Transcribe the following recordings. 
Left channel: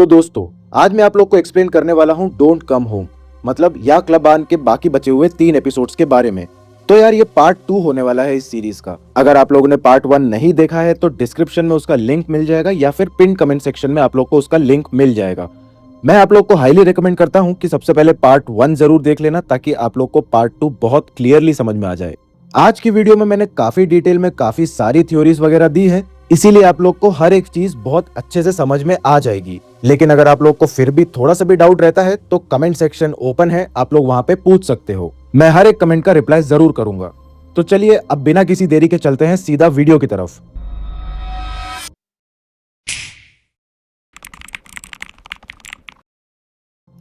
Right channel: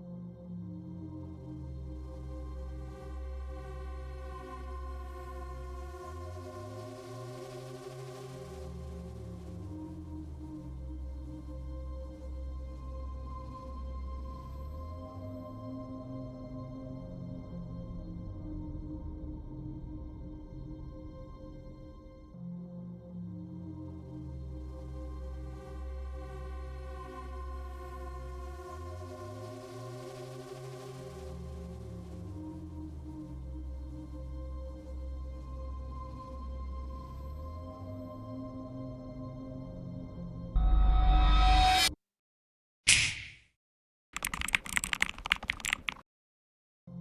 तो दोस्तों, आज मैं आप लोग को एक्सप्लेन करने वाला हूँ डोंट कम होम, मतलब या क्लब आन के बाकी बचे हुए 3 एपिसोड्स के बारे में। तो यार ये पार्ट 2 होने वाला है इस सीरीज का। अगर आप लोगों ने पार्ट 1 नहीं देखा है तो डिस्क्रिप्शन में उसका लिंक मिल जाएगा या फिर पिन कमेंट सेक्शन में आप लोग को उसका लिंक मिल जाएगा। मैं आप लोग को हाईली रिकमेंड करता हूँ कि सबसे पहले पार्ट 1 जरूर देख लेना ताकि आप लोग को पार्ट 2 बहुत क्लियरली समझ में आ जाए। आज की वीडियो में मैंने काफी डिटेल में काफी सारी थ्योरीज वगैरह दी है, इसीलिए आप लोग को हर एक चीज बहुत अच्छे से समझ में आ जाएगी। लेकिन अगर आप लोग को फिर भी थोड़ा सा भी डाउट रहता है तो कमेंट सेक्शन ओपन है, आप लोग वहां पे पूछ सकते हो। मैं हर एक कमेंट का रिप्लाई जरूर करूंगा। तो चलिए अब बिना किसी देरी के चलते हैं सीधा वीडियो की तरफ।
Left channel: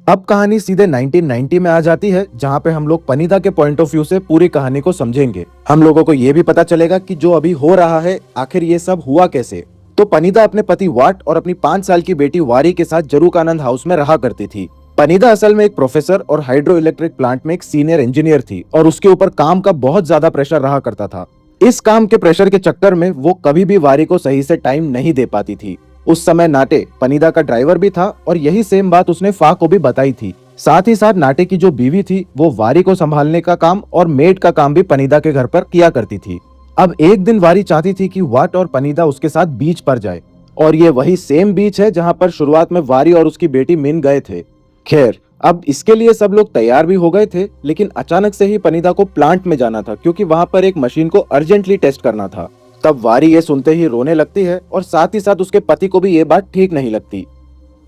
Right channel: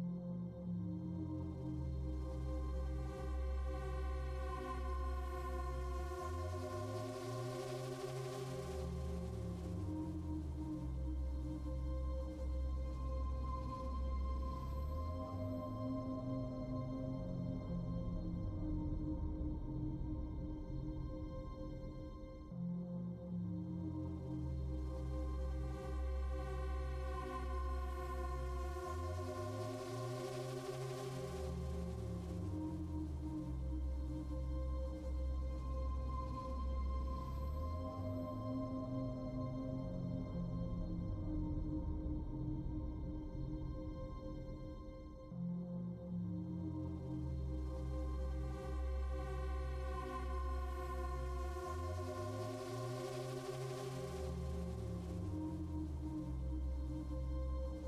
अब कहानी सीधे 1990 में आ जाती है, जहां पे हम लोग पनीदा के पॉइंट ऑफ व्यू से पूरी कहानी को समझेंगे। हम लोगों को ये भी पता चलेगा कि जो अभी हो रहा है आखिर ये सब हुआ कैसे। तो पनीदा अपने पति वाट और अपनी 5 साल की बेटी वारी के साथ जरूकानंद हाउस में रहा करती थी। पनीदा असल में एक प्रोफेसर और हाइड्रो इलेक्ट्रिक प्लांट में एक सीनियर इंजीनियर थी और उसके ऊपर काम का बहुत ज्यादा प्रेशर रहा करता था। इस काम के प्रेशर के चक्कर में वो कभी भी वारी को सही से टाइम नहीं दे पाती थी। उस समय नाटे पनीदा का ड्राइवर भी था और यही सेम बात उसने फा को भी बताई थी। साथ ही साथ नाटे की जो बीवी थी वो वारी को संभालने का काम और मेड का काम भी पनीदा के घर पर किया करती थी। अब एक दिन वारी चाहती थी कि वाट और पनीदा उसके साथ बीच पर जाए, और ये वही सेम बीच है जहां पर शुरुआत में वारी और उसकी बेटी मिन गए थे। खैर, अब इसके लिए सब लोग तैयार भी हो गए थे, लेकिन अचानक से ही पनीदा को प्लांट में जाना था क्योंकि वहां पर एक मशीन को अर्जेंटली टेस्ट करना था। तब वारी ये सुनते ही रोने लगती है और साथ ही साथ उसके पति को भी ये बात ठीक नहीं लगती।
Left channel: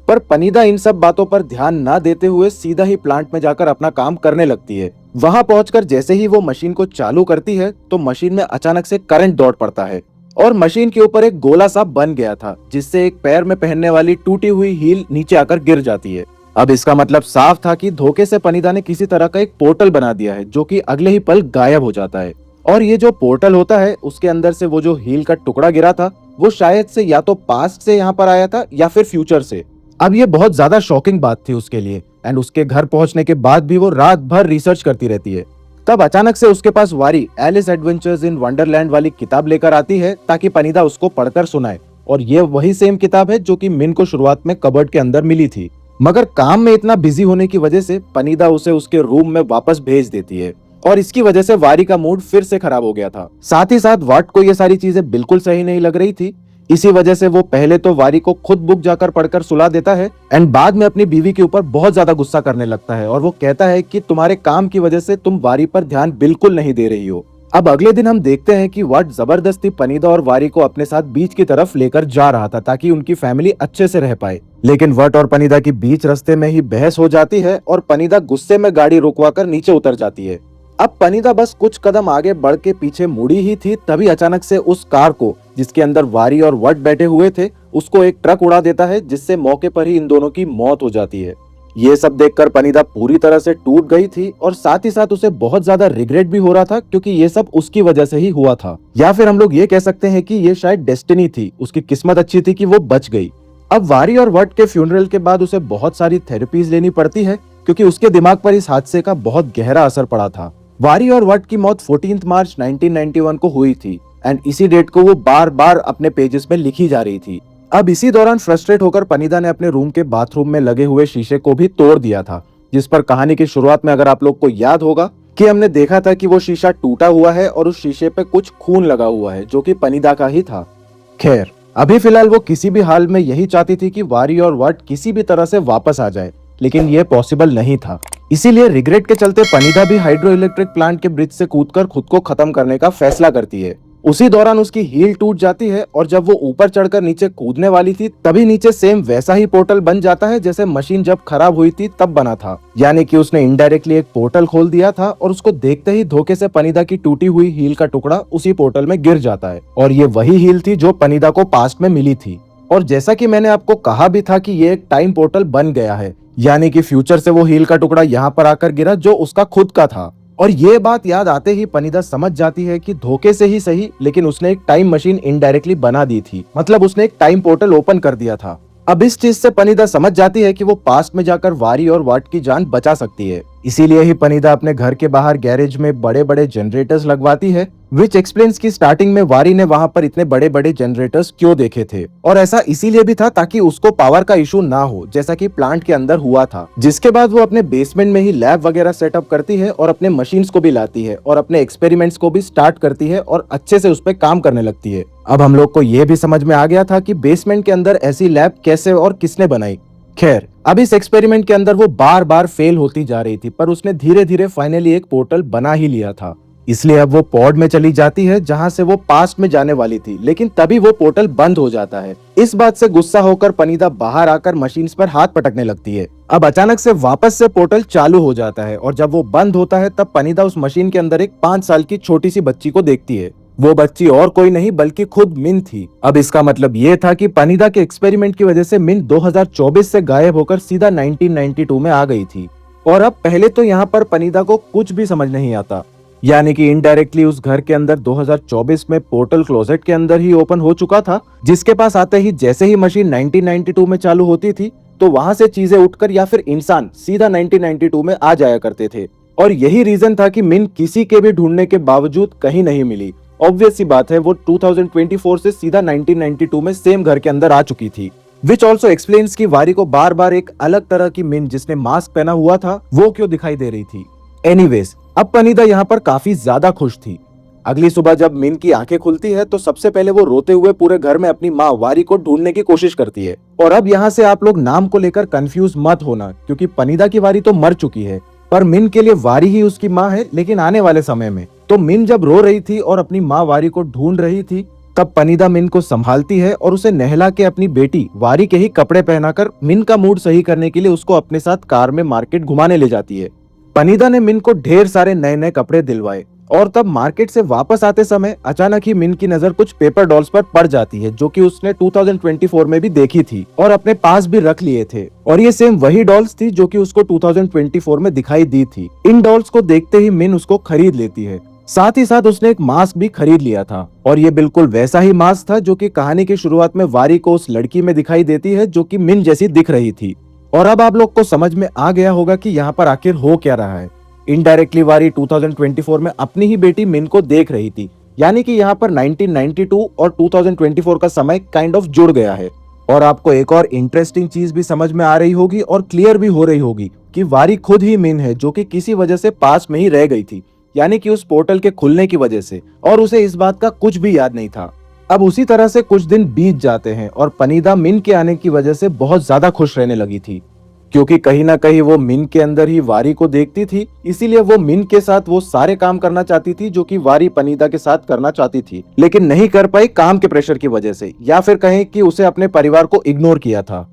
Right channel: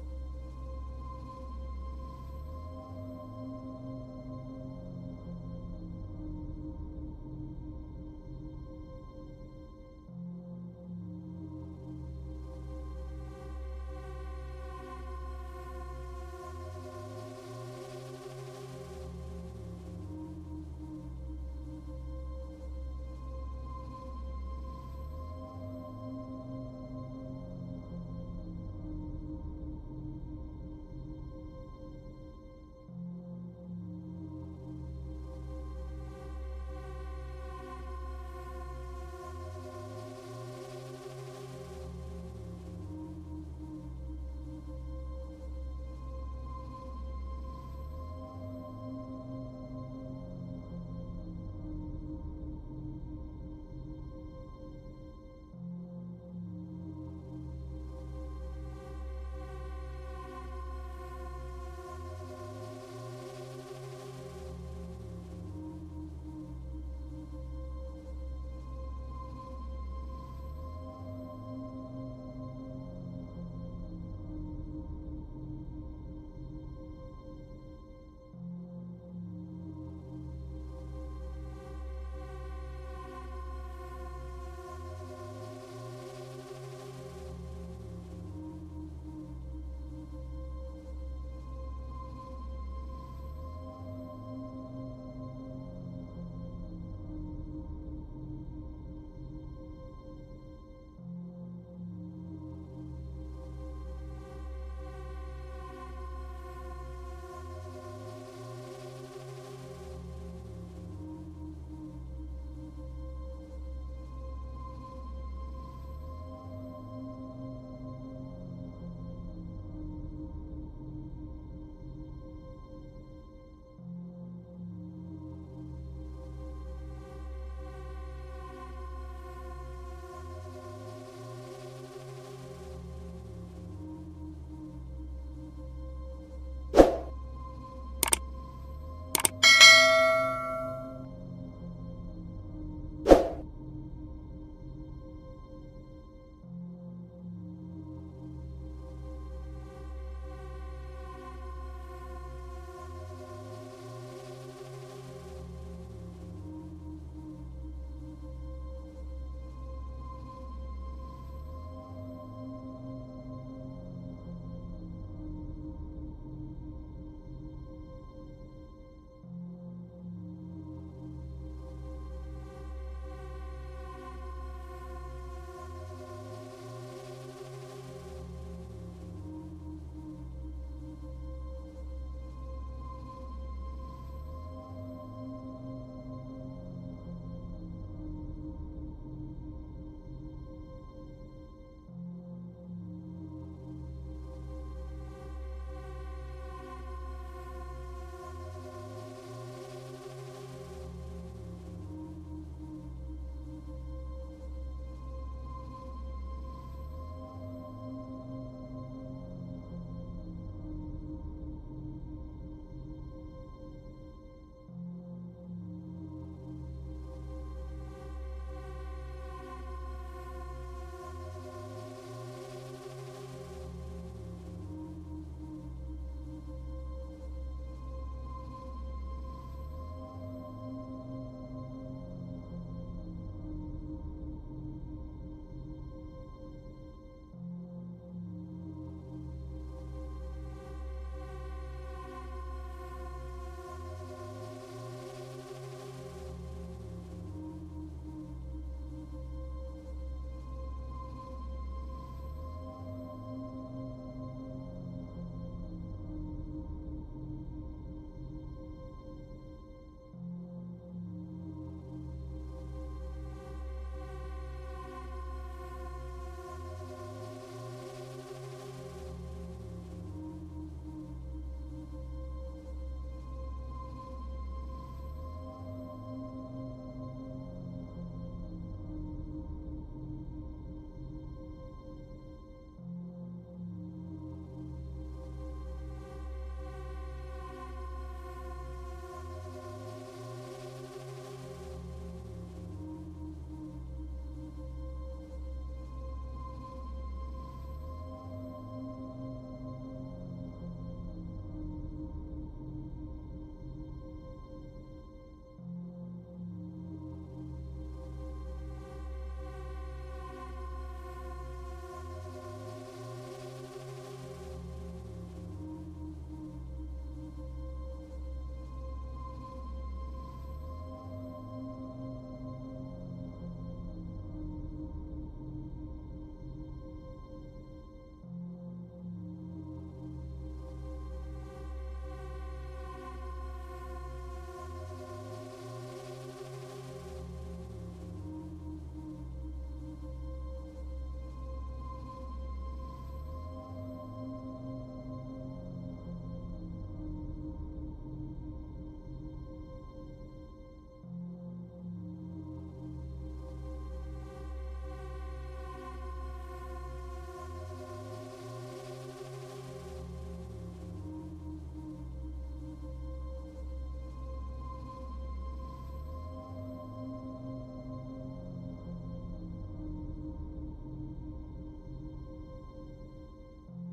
पर पनीदा इन सब बातों पर ध्यान ना देते हुए सीधा ही प्लांट में जाकर अपना काम करने लगती है। वहां पहुंचकर जैसे ही वो मशीन को चालू करती है तो मशीन में अचानक से करंट दौड़ पड़ता है और मशीन के ऊपर एक गोला सा बन गया था, जिससे एक पैर में पहनने वाली टूटी हुई हील नीचे आकर गिर जाती है। अब इसका मतलब साफ था कि धोखे से पनीदा ने किसी तरह का एक पोर्टल बना दिया है, जो कि अगले ही पल गायब हो जाता है। और ये जो पोर्टल होता है उसके अंदर से वो जो हील का टुकड़ा गिरा था वो शायद से या तो पास्ट से यहाँ पर आया था या फिर फ्यूचर से। अब ये बहुत ज्यादा शॉकिंग बात थी उसके लिए, एंड उसके घर पहुंचने के बाद भी वो रात भर रिसर्च करती रहती है। तब अचानक से उसके पास वारी एलिस एडवेंचर्स इन वंडरलैंड वाली किताब लेकर आती है ताकि पनीदा उसको पढ़कर सुनाए, और ये वही सेम किताब है जो कि मिन को शुरुआत में कबर्ड के अंदर मिली थी। मगर काम में इतना बिजी होने की वजह से पनीदा उसे उसके रूम में वापस भेज देती है, और इसकी वजह से वारी का मूड फिर से खराब हो गया था। साथ ही साथ वाट को ये सारी चीजें बिल्कुल सही नहीं लग रही थी। इसी वजह से वो पहले तो वारी को खुद बुक जाकर पढ़कर सुला देता है, एंड बाद में अपनी बीवी के ऊपर बहुत ज्यादा गुस्सा करने लगता है और वो कहता है कि तुम्हारे काम की वजह से तुम वारी पर ध्यान बिल्कुल नहीं दे रही हो। अब अगले दिन हम देखते हैं कि वाट जबरदस्ती पनीदा और वारी को अपने साथ बीच की तरफ लेकर जा रहा था ताकि उनकी फैमिली अच्छे से रह पाए। लेकिन वट और पनीदा की बीच रास्ते में ही बहस हो जाती है और पनीदा गुस्से में गाड़ी रुकवाकर नीचे उतर जाती है। अब पनीदा बस कुछ कदम आगे बढ़ के पीछे मुड़ी ही थी, तभी अचानक से उस कार को जिसके अंदर वारी और वट बैठे हुए थे उसको एक ट्रक उड़ा देता है, जिससे मौके पर ही इन दोनों की मौत हो जाती है। ये सब देखकर पनीदा पूरी तरह से टूट गई थी और साथ ही साथ उसे बहुत ज्यादा रिग्रेट भी हो रहा था क्योंकि ये सब उसकी वजह से ही हुआ था, या फिर हम लोग ये कह सकते हैं कि ये शायद डेस्टिनी थी, उसकी किस्मत अच्छी थी कि वो बच गई। अब वारी और वट के फ्यूनरल के बाद उसे बहुत सारी थेरेपीज लेनी पड़ती है क्योंकि उसके दिमाग पर इस हादसे का बहुत गहरा असर पड़ा था। वारी और वट की मौत 14 मार्च 1991 को हुई थी, एंड इसी डेट को वो बार बार अपने पेजेस में लिखी जा रही थी। अब इसी दौरान फ्रस्ट्रेट होकर पनीदा ने अपने रूम के बाथरूम में लगे हुए शीशे को भी तोड़ दिया था, जिस पर कहानी की शुरुआत में अगर आप लोग को याद होगा कि हमने देखा था कि वो शीशा टूटा हुआ है और उस शीशे पे कुछ खून लगा हुआ है जो कि पनीदा का ही था। खैर, अभी फिलहाल वो किसी भी हाल में यही चाहती थी कि वारी और वट किसी भी तरह से वापस आ जाए, लेकिन ये पॉसिबल नहीं था। इसीलिए रिग्रेट के चलते पनीदा भी हाइड्रो इलेक्ट्रिक प्लांट के ब्रिज से कूदकर खुद को खत्म करने का फैसला करती है। उसी दौरान उसकी हील टूट जाती है और जब वो ऊपर चढ़कर नीचे कूदने वाली थी तभी नीचे सेम वैसा ही पोर्टल बन जाता है जैसे मशीन जब खराब हुई थी तब बना था। यानी कि उसने इनडायरेक्टली एक पोर्टल खोल दिया था और उसको देखते ही धोखे से पनीदा की टूटी हुई हील का टुकड़ा उसी पोर्टल में गिर जाता है, और ये वही हील थी जो पनीदा को पास्ट में मिली थी। और जैसा कि मैंने आपको कहा भी था कि ये एक टाइम पोर्टल बन गया है, यानी कि फ्यूचर से वो हील का टुकड़ा यहाँ पर आकर गिरा जो उसका खुद का था। और ये बात याद आते ही पनीदा समझ जाती है कि धोखे से ही सही, लेकिन उसने एक टाइम मशीन इनडायरेक्टली बना दी थी, मतलब उसने एक टाइम पोर्टल ओपन कर दिया था। अब इस चीज से पनीदा समझ जाती है कि वो पास्ट में जाकर वारी और वाट की जान बचा सकती है। इसीलिए ही पनीदा अपने घर के बाहर गैरेज में बड़े बड़े जनरेटर्स लगवाती है, विच एक्सप्लेन्स की स्टार्टिंग में वारी ने वहां पर इतने बड़े बड़े जनरेटर्स क्यों देखे थे। और ऐसा इसीलिए भी था ताकि उसको पावर का इशू ना हो, जैसा कि प्लांट के अंदर हुआ था। जिसके बाद वो अपने बेसमेंट में ही लैब वगैरह सेटअप करती है और अपने मशीन्स को भी लाती है और अपने एक्सपेरिमेंट्स को भी स्टार्ट करती है और अच्छे से उस पर काम करने लगती है। अब हम लोग को ये भी समझ में आ गया था कि बेसमेंट के अंदर ऐसी लैब कैसे और किसने बनाई। खैर, अब इस एक्सपेरिमेंट के अंदर वो बार बार फेल होती जा रही थी, पर उसने धीरे धीरे फाइनली एक पोर्टल बना ही लिया था। इसलिए अब वो पॉड में चली जाती है जहां से वो पास्ट में जाने वाली थी, लेकिन तभी वो पोर्टल बंद हो जाता है। इस बात से गुस्सा होकर पनीदा बाहर आकर मशीन्स पर हाथ पटकने लगती है। अब अचानक से वापस से पोर्टल चालू हो जाता है और जब वो बंद होता है तब पनीदा उस मशीन के अंदर एक 5 साल की छोटी सी बच्ची को देखती है। वो बच्ची और कोई नहीं बल्कि खुद मिन थी। अब इसका मतलब ये था कि पनीदा के एक्सपेरिमेंट की वजह से मिन 2024 से गायब होकर सीधा 1992 में आ गई थी। और अब पहले तो यहाँ पर पनीदा को कुछ भी समझ नहीं आता, यानी कि इनडायरेक्टली उस घर के अंदर 2024 में पोर्टल क्लोजेट के अंदर ही ओपन हो चुका था, जिसके पास आते ही जैसे ही मशीन 1992 में चालू होती थी तो वहां से चीजें उठकर या फिर इंसान सीधा 1992 में आ जाया करते थे। और यही रीजन था कि मिन किसी के भी ढूंढने के बावजूद कहीं नहीं मिली। ऑब्वियस सी बात है, वो 2024 से सीधा 1992 में सेम घर के अंदर आ चुकी थी। विच ऑल्सो एक्सप्लेन्स की वारी को बार बार एक अलग तरह की मिन जिसने मास्क पहना हुआ था वो क्यों दिखाई दे रही थी। एनीवेज, अब पनीदा यहाँ पर काफी ज्यादा खुश थी। अगली सुबह जब मिन की आंखें खुलती है तो सबसे पहले वो रोते हुए पूरे घर में अपनी माँ वारी को ढूंढने की कोशिश करती है। और अब यहाँ से आप लोग नाम को लेकर कंफ्यूज मत होना, क्योंकि पनीदा की वारी तो मर चुकी है, पर मिन के लिए वारी ही उसकी माँ है, लेकिन आने वाले समय में। तो मिन जब रो रही थी और अपनी माँ वारी को ढूंढ रही थी, तब पनीदा मिन को संभालती है और उसे नहला के अपनी बेटी वारी के ही कपड़े पहनाकर मिन का मूड सही करने के लिए उसको अपने साथ कार में मार्केट घुमाने ले जाती है। पनीदा ने मिन को ढेर सारे नए नए कपड़े दिलवाए और तब मार्केट से वापस आते समय अचानक ही मिन की नजर कुछ पेपर डॉल्स पर पड़ जाती है, जो कि उसने 2024 में भी देखी थी और अपने पास भी रख लिए थे। और ये सेम वही डॉल्स थी जो कि उसको 2024 में दिखाई दी थी। इन डॉल्स को देखते ही मिन उसको खरीद लेती है। साथ ही साथ उसने एक मास्क भी खरीद लिया था और ये बिल्कुल वैसा ही मास्क था जो कि कहानी की शुरुआत में वारी को उस लड़की में दिखाई देती है, जो कि मिन जैसी दिख रही थी। और अब आप लोग को समझ में आ गया होगा कि यहाँ पर आखिर हो क्या रहा है। इनडायरेक्टली वारी 2024 में अपनी ही बेटी मिन को देख रही थी, यानी कि यहाँ पर 1992 और 2024 का समय काइंड ऑफ जुड़ गया है। और आपको एक और इंटरेस्टिंग चीज भी समझ में आ रही होगी और क्लियर भी हो रही होगी कि वारी खुद ही मिन है, जो कि किसी वजह से पास में ही रह गई थी, यानी कि उस पोर्टल के खुलने की वजह से, और उसे इस बात का कुछ भी याद नहीं था। अब उसी तरह से कुछ दिन बीत जाते हैं और पनीदा मिन के आने की वजह से बहुत ज्यादा खुश रहने लगी थी, क्योंकि कहीं ना कहीं वो मिन के अंदर ही वारी को देखती थी। इसीलिए वो मिन के साथ वो सारे काम करना चाहती थी जो कि वारी पनीदा के साथ करना चाहती थी, लेकिन नहीं कर पाई काम के प्रेशर की वजह से, या फिर कहें कि उसे अपने परिवार को इग्नोर किया था।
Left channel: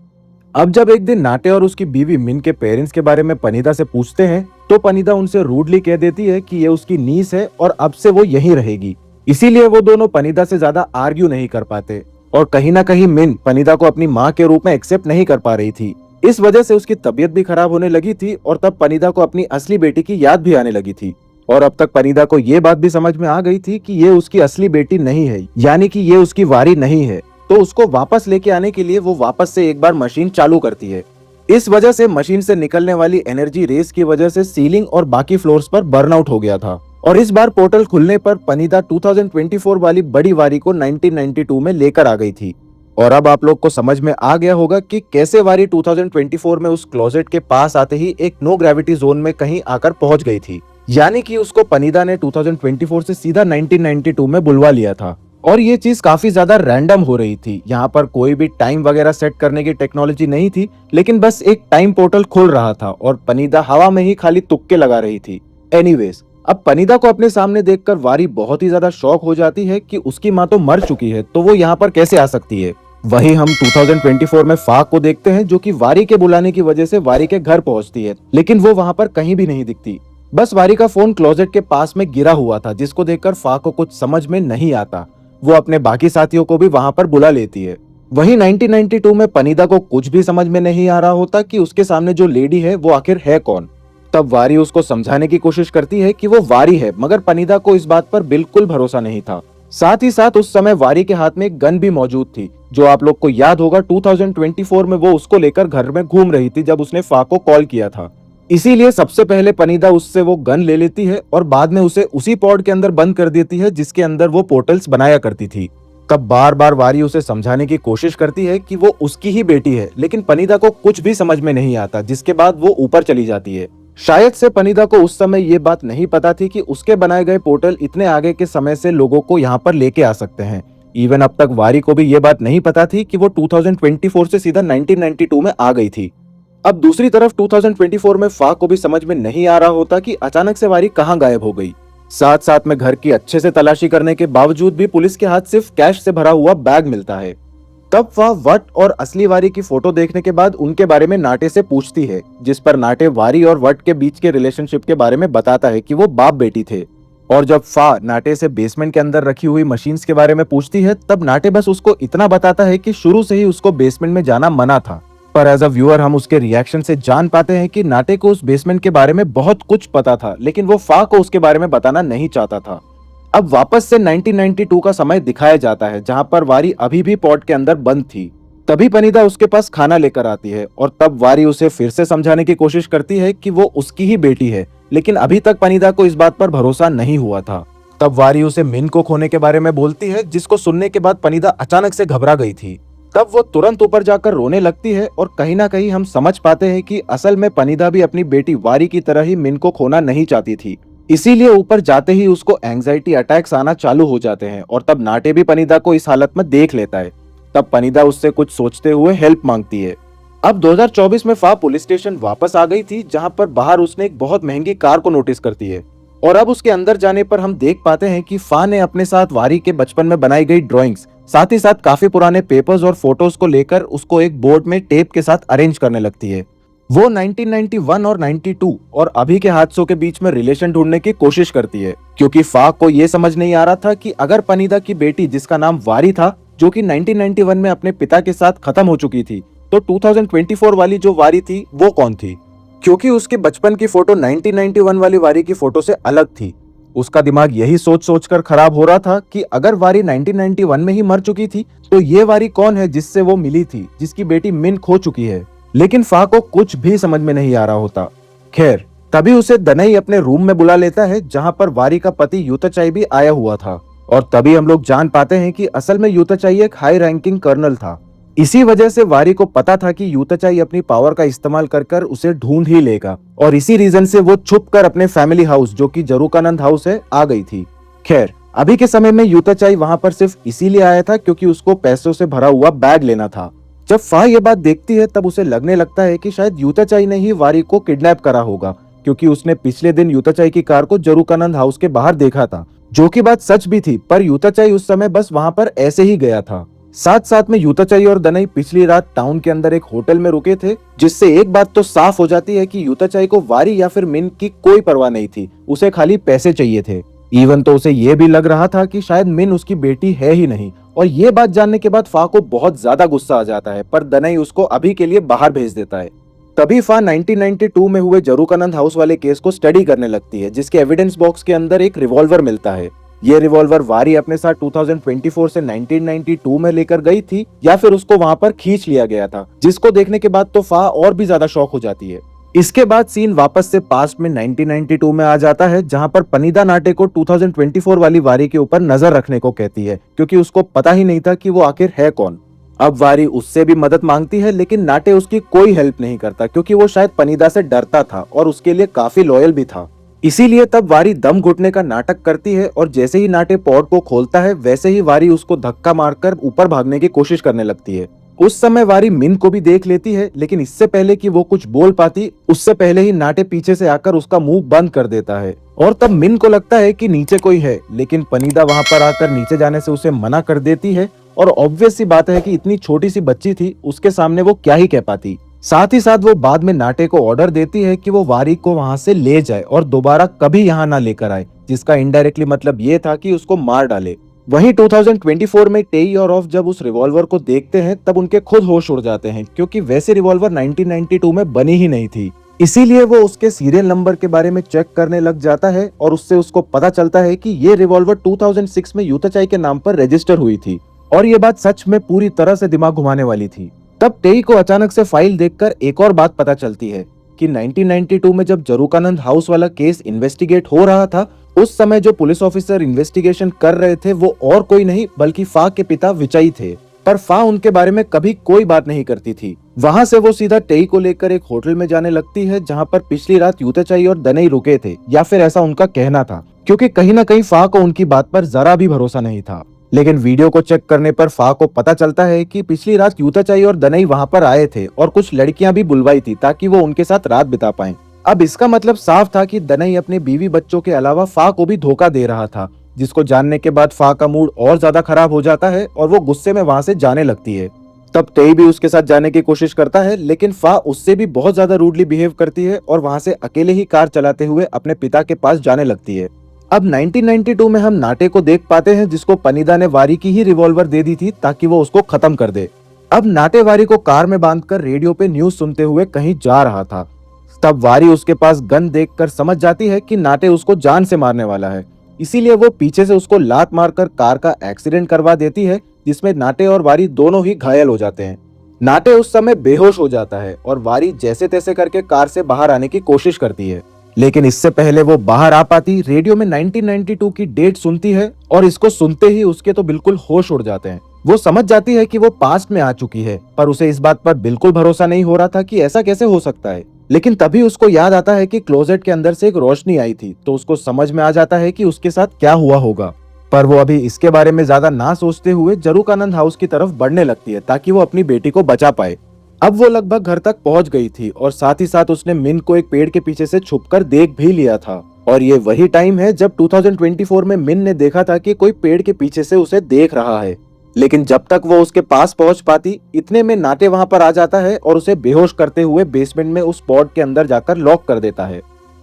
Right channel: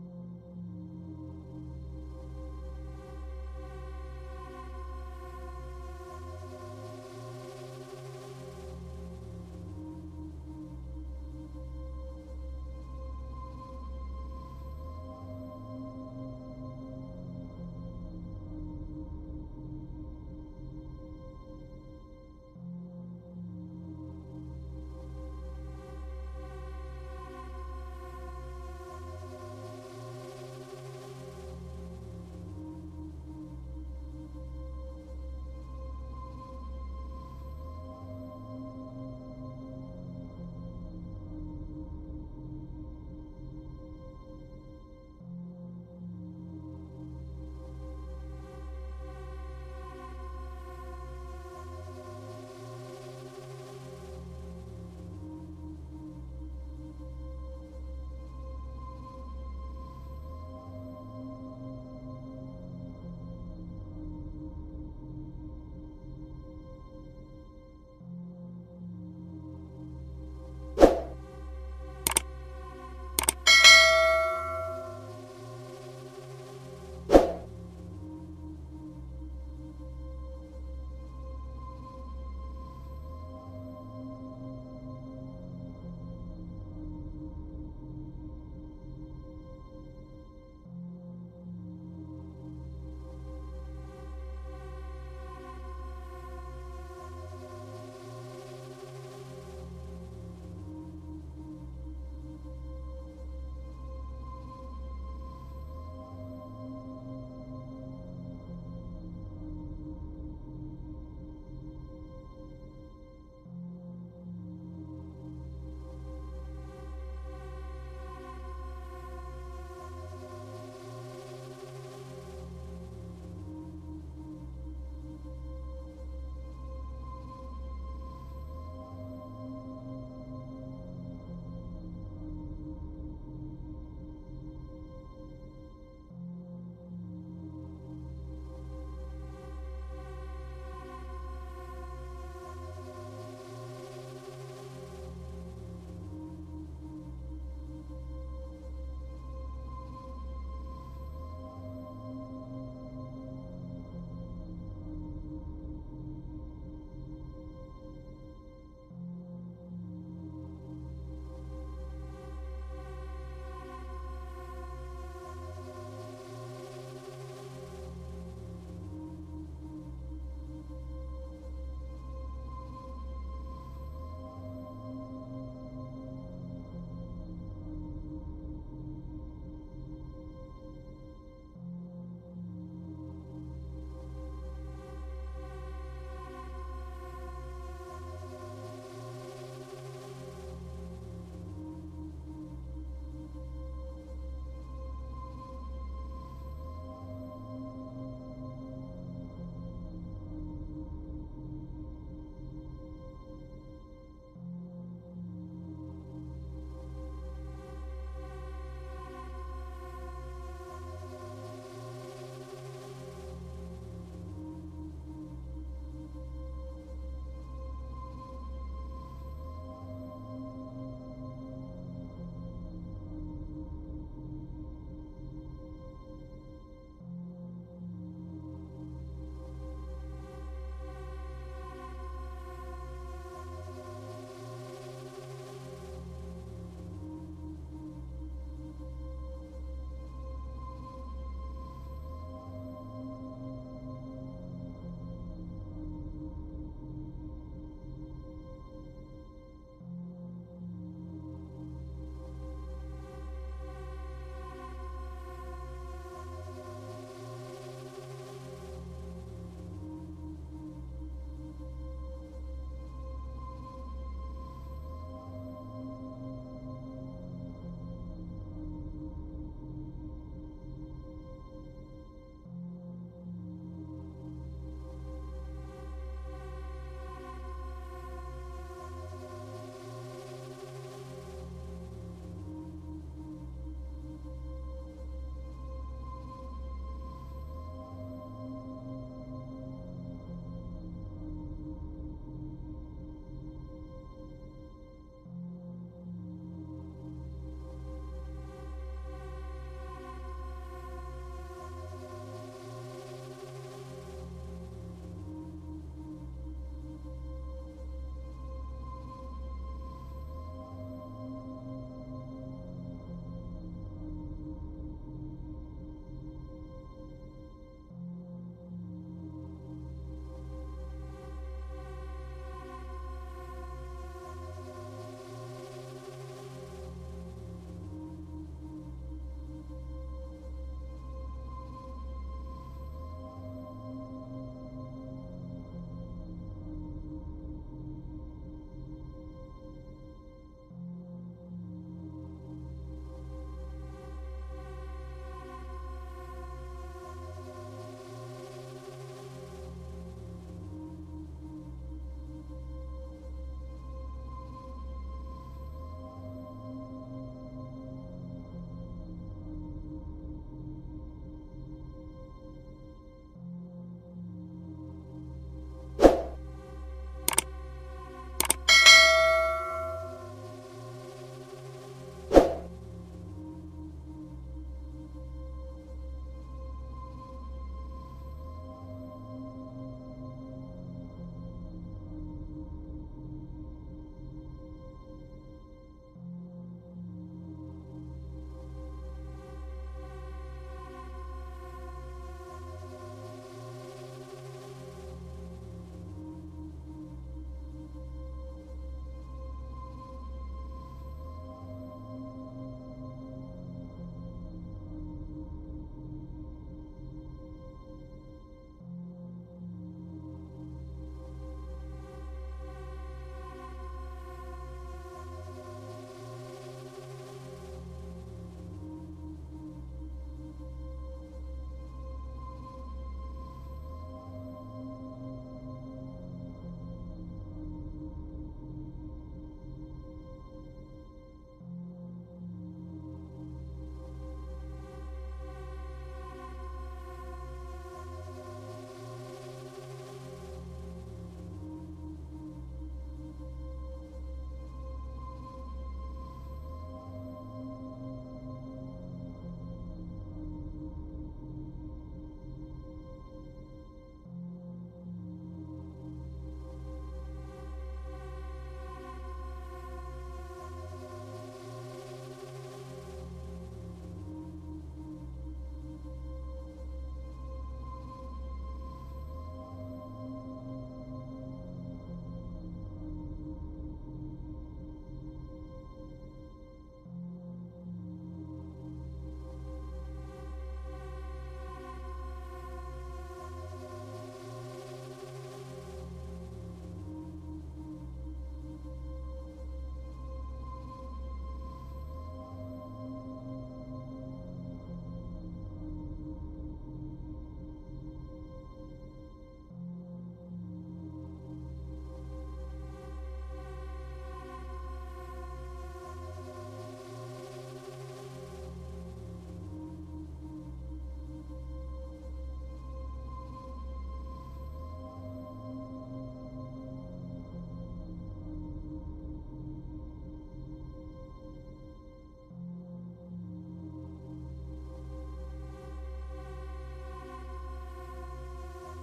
अब जब एक दिन नाटे और उसकी बीवी मिन के पेरेंट्स के बारे में पनीदा से पूछते हैं तो पनीदा उनसे रूडली कह देती है कि ये उसकी नीस है और अब से वो यहीं रहेगी। इसीलिए वो दोनों पनीदा से ज्यादा आर्ग्यू नहीं कर पाते और कहीं ना कहीं मिन पनीदा को अपनी माँ के रूप में एक्सेप्ट नहीं कर पा रही थी। इस वजह से उसकी तबीयत भी खराब होने लगी थी और तब पनीदा को अपनी असली बेटी की याद भी आने लगी थी। और अब तक पनीदा को ये बात भी समझ में आ गई थी कि ये उसकी असली बेटी नहीं है, यानी कि ये उसकी वारी नहीं है। तो उसको वापस लेके आने के लिए वो वापस से एक बार मशीन चालू करती है। इस वजह से मशीन से निकलने वाली एनर्जी रेस की वजह से सीलिंग और बाकी फ्लोर्स पर बर्नआउट हो गया था। और इस बार पोर्टल खुलने पर पनीदा 2024 वाली बड़ी वारी को 1992 में लेकर आ गई थी। और अब आप लोग को समझ में आ गया होगा कि कैसे वारी 2024 में उस क्लोजेट के पास आते ही एक नो ग्रेविटी जोन में कहीं आकर पहुंच गई थी, यानी कि उसको पनीदा ने 2024 से सीधा 1992 में बुलवा लिया था। और ये चीज काफी ज्यादा रैंडम हो रही थी। यहाँ पर कोई भी टाइम वगैरह सेट करने की टेक्नोलॉजी नहीं थी, लेकिन बस एक टाइम पोर्टल खुल रहा था और पनीदा हवा में ही खाली तुक्के लगा रही थी। एनीवेज, अब पनीदा को अपने सामने देखकर वारी बहुत ही ज्यादा शॉक हो जाती है कि उसकी माँ तो मर चुकी है, तो वो यहाँ पर कैसे आ सकती है। वहीं हम 2024 में फाक को देखते हैं, जो कि वारी के बुलाने की वजह से वारी के घर पहुंचती है, लेकिन वो वहां पर कहीं भी नहीं दिखती। बस वारी का फोन क्लोजेट के पास में गिरा हुआ था, जिसको देखकर फाक को कुछ समझ में नहीं आता। वो अपने बाकी साथियों को भी वहां पर बुला लेती है। वहीं 1992 में पनीदा को कुछ भी समझ में नहीं आ रहा होता कि उसके सामने जो लेडी है वो आखिर है कौन। तब वारी उसको समझाने की कोशिश करती है कि वो वारी है, मगर पनीदा को इस बात पर बिल्कुल भरोसा नहीं था। साथ ही साथ उस समय वारी के हाथ में एक गन भी मौजूद थी, जो आप लोग को याद होगा 2024 में वो उसको लेकर घर में घूम रही थी जब उसने फाक को कॉल किया था। इसीलिए सबसे पहले पनीदा उससे वो गन ले लेती है और बाद में उसे उसी पॉड के अंदर बंद कर देती है जिसके अंदर वो पोर्टल्स बनाया करती थी। तब बार बार वारी उसे समझाने की कोशिश करती है कि वो उसकी ही बेटी है, लेकिन पनीदा को कुछ भी समझ में नहीं आता, जिसके बाद वो ऊपर चली जाती है। शायद से पनीदा को उस समय ये बात नहीं पता थी कि उसके बनाए गए पोर्टल इतने आगे के समय से लोगों को यहाँ पर लेके आ सकते हैं। इवन अब तक वारी को भी ये बात नहीं पता थी कि वो 2024 से सीधा 1992 में आ गई थी। अब दूसरी तरफ 2024 में फा को भी समझ में नहीं आ रहा होता कि अचानक से वारी कहाँ गायब हो गई। साथ साथ में घर की अच्छे से तलाशी करने के बावजूद भी पुलिस के हाथ सिर्फ कैश से भरा हुआ बैग मिलता है। तब वह वट और असली वारी की फोटो देखने के बाद उनके बारे में नाटे से पूछती है, जिस पर नाटे वारी और वट के बीच के रिलेशनशिप के बारे में बताता है कि वो बाप बेटी थे। और जब फा नाटे से बेसमेंट के अंदर रखी हुई मशीन्स के बारे में पूछती है, तब नाटे बस उसको इतना बताता है कि शुरू से ही उसको बेसमेंट में जाना मना था। पर एज अ व्यूअर हम उसके रिएक्शन से जान पाते हैं कि नाटे को उस बेसमेंट के बारे में बहुत कुछ पता था, लेकिन वो फा को उसके बारे में बताना नहीं चाहता था। अब वापस से 1992 का समय दिखाया जाता है, जहां पर वारी अभी भी पॉट के अंदर बंद थी। तभी पनीदा उसके पास खाना लेकर आती है और तब वारी उसे फिर से समझाने की कोशिश करती है कि वो उसकी ही बेटी है, लेकिन अभी तक पनीदा को इस बात पर भरोसा नहीं हुआ था। तब वारी उसे मिन को खोने के बारे में बोलती है, जिसको सुनने के बाद पनीदा अचानक से घबरा गई थी। तब वो तुरंत ऊपर जाकर रोने लगती है और कहीं ना कहीं हम समझ पाते हैं कि असल में पनीदा भी अपनी बेटी वारी की तरह ही मिन को खोना नहीं चाहती थी। इसीलिए ऊपर जाते ही उसको एंजाइटी अटैक्स आना चालू हो जाते हैं और तब नाटे भी पनीदा को इस हालत में देख लेता है। तब पनीदा उससे कुछ सोचते हुए हेल्प मांगती है। अब 2024 में फा पुलिस स्टेशन वापस आ गई थी, जहां पर बाहर उसने एक बहुत महंगी कार को नोटिस करती है। और अब उसके अंदर जाने पर हम देख पाते हैं कि फा ने अपने साथ वारी के बचपन में बनाई गई ड्राइंग्स, साथ ही साथ काफी पुराने पेपर्स और फोटोज को लेकर उसको एक बोर्ड में टेप के साथ अरेंज करने लगती है। वो 1991 और 92 और अभी के हादसों के बीच में रिलेशन ढूंढने की कोशिश करती है, क्योंकि फा को ये समझ नहीं आ रहा था कि अगर पनीदा की बेटी, जिसका नाम वारी था, जो कि 1991 में अपने पिता के साथ खत्म हो चुकी थी, तो 2024 वाली जो वारी थी वो कौन थी, क्योंकि उसके बचपन की फोटो 1991 वाली वारी की फोटो से अलग थी। उसका दिमाग यही सोच सोच कर खराब हो रहा था कि अगर वारी 1991 में ही मर चुकी थी, तो ये वारी कौन है जिससे वो मिली थी, जिसकी बेटी मिन खो चुकी है। लेकिन फा को कुछ भी समझ में नहीं आ रहा होता। खैर, तभी उसे दनई अपने रूम में बुला लेता है, जहां पर वारी का पति यूताचाई भी आया हुआ था। और तभी हम लोग जान पाते हैं कि असल में यूताचाई एक हाई रैंकिंग कर्नल था। इसी वजह से वारी को पता था कि यूताचाई अपनी पावर का इस्तेमाल कर कर उसे ढूंढ ही लेगा, और इसी रीजन से वो छुप कर अपने फैमिली हाउस, जो कि जरूकानंद हाउस है, आ गई थी। खैर, अभी के समय में यूताचाई वहां पर सिर्फ इसीलिए आया था क्योंकि उसको पैसों से भरा हुआ बैग लेना था। जब फा ये बात देखती है, तब उसे लगने लगता है कि शायद यूताचाई ने ही वारी को किडनैप करा होगा, क्योंकि उसने पिछले दिन यूताचाई की कार को जरूकानंद हाउस के बाहर देखा था, जो कि बात सच भी थी। पर यूताचाई उस समय बस वहां पर ऐसे ही गया था। साथ साथ में यूताचाई और दनई पिछली रात टाउन के अंदर एक होटल में रुके थे, जिससे एक बात तो साफ हो जाती है कि यूताचाई को वारी या फिर मिन की कोई परवाह नहीं थी, उसे खाली पैसे चाहिए थे। इवन तो उसे ये भी लग रहा था कि शायद मिन उसकी बेटी है ही नहीं। और ये बात जानने के बाद फा को बहुत ज्यादा गुस्सा आ जाता है, पर दनई उसको अभी के लिए बाहर भेज देता है। तभी फा 1992 में हुए जरूकानंद हाउस वाले केस को स्टडी करने लगती है, जिसके एविडेंस बॉक्स के अंदर एक रिवॉल्वर मिलता है। ये रिवॉल्वर वारी अपने साथ 2024 से 1992 में लेकर गई थी, या फिर उसको वहां पर खींच लिया गया था, जिसको देखने के बाद तो फा और भी ज्यादा शॉक हो जाती है। इसके बाद सीन वापस से पास्ट में 1992 में आ जाता है, जहां पर पनीदा नाटे को 2024 वाली वारी के ऊपर नजर रखने को कहती है, क्योंकि उसको पता ही नहीं था कि वो आखिर है कौन। अब वारी उससे भी मदद मांगती है, लेकिन नाटे उसकी कोई हेल्प नहीं करता, क्योंकि वो शायद पनीदा से डरता था और उसके लिए काफी लॉयल भी था। इसीलिए तब वारी दम घुटने का नाटक करती है, और जैसे ही नाटे पॉड को खोलता है, वैसे ही वारी उसको धक्का मारकर ऊपर भागने की कोशिश करने लगती है। उस समय वारी मिन को भी देख लेती है, लेकिन इससे पहले कि वो कुछ बोल पाती, उससे पहले ही नाटे पीछे से आकर उसका मुंह बंद कर देता है। और तब मिन को लगता है कि नीचे कोई है, लेकिन पनीदा वहां पर आकर नीचे जाने से उसे मना कर देती है। और ऑब्वियस सी बात है कि इतनी छोटी सी बच्ची थी, उसके सामने वो क्या ही कह पाती। साथ ही साथ वो बाद में नाटे को ऑर्डर देती है कि वो वारी को वहां से ले जाए और दोबारा कभी यहाँ ना लेकर आए, जिसका इनडायरेक्टली मतलब ये था कि उसको मार डाले। वहीं 2024 में टेई और ऑफ जब उस रिवॉल्वर को देखते हैं, तब उनके खुद होश उड़ जाते हैं, क्योंकि वैसे रिवॉल्वर 1992 में बनी ही नहीं थी। इसीलिए वो उसके सीरियल नंबर के बारे में चेक करने लग जाता है, और उससे उसको पता चलता है कि ये रिवॉल्वर 2006 में यूताचाई के नाम पर रजिस्टर हुई थी। और ये बात सच में पूरी तरह से दिमाग घुमाने वाली थी। तब टेई को अचानक से फाइल देखकर एक और बात पता चलती है। कि 1992 में जब जरूकानंद हाउस वाला केस इन्वेस्टिगेट हो रहा था, उस समय जो पुलिस ऑफिसर इन्वेस्टिगेशन कर रहे थे वो और कोई नहीं बल्कि फा के पिता विजय थे। पर फा उनके बारे में कभी कोई बात नहीं करती थी। वहां से वो सीधा टेई को लेकर एक होटल में जाने लगती है जहां पर पिछली रात यूतेचाई और दनई रुके थे, या फिर ऐसा उनका कहना था, क्योंकि कहीं ना कहीं फा को उनकी बात पर जरा भी भरोसा नहीं था। लेकिन वीडियो को चेक करने पर फा को पता चलता है कि पिछली रात यूतेचाई और दनई वहां पर आए थे और कुछ लड़कियां भी बुलवाई थी ताकि वो उनके साथ रात बिता पाएं। अब इसका मतलब साफ था कि दनई अपने बीवी बच्चों के अलावा फा को भी धोखा दे रहा था, जिसको जानने के बाद फा का मूड और ज्यादा खराब हो जाता है और वो गुस्से में वहां से जाने लगती है। तब टेई भी उसके साथ जाने की कोशिश करता है, लेकिन फा उससे भी बहुत ज्यादा रूडली बिहेव करती है और वहां से अकेले ही कार चलाते हुए अपने पिता के पास जाने लगती है। अब 1992 में हम नाटे को देख पाते हैं, जिसको पनीदा ने वारी की ही रिवॉल्वर दे दी थी ताकि वो उसको खत्म कर दे। अब नाटे वारी को कार में बांधकर रेडियो पे न्यूज सुनते हुए कहीं जा रहा था। तब वारी उसके पास गन देखकर समझ जाती है कि नाटे उसको जान से मारने वाला है, इसीलिए वो पीछे से उसको लात मारकर कार का एक्सीडेंट करवा देती है, जिसमें नाटे और वारी दोनों ही घायल हो जाते हैं। नाटे उस समय बेहोश हो जाता है और वारी जैसे तैसे करके कार से बाहर आने की कोशिश करती है, लेकिन इससे पहले वो बाहर आ पाती रेडियो में 1992 की डेट सुनती है और इसको सुनते ही उसके तो बिल्कुल होश उड़ जाते हैं। वो समझ जाती है कि वो पास्ट में आ चुकी है, पर उसे इस बात पर बिल्कुल भरोसा नहीं हो रहा था कि ऐसा कैसे हो सकता है। लेकिन तभी उसको याद आता है कि क्लोजेट के अंदर से एक रोशनी आई थी, तो उसको समझ में आ जाता है कि उसके साथ क्या हुआ होगा। पर वो अभी इसके बारे में ज्यादा ना सोचते हुए जरूकानंद हाउस की तरफ बढ़ने लगती है ताकि वो अपनी बेटी को बचा पाए। अब वो लगभग घर तक पहुंच गई थी और साथ ही साथ उसने मिन को एक पेड़ के पीछे से छुपकर देख भी लिया था। और ये वही टाइम है जब 2024 में मिन ने देखा था कि कोई पेड़ के पीछे से उसे देख रहा है। लेकिन जब तक वो उसके पास पहुंच पाती, इतने में नाटे वहां पर आ जाता है और उसे बेहोश करते हुए बेसमेंट में उस पॉड के अंदर जाकर लॉक कर देता है।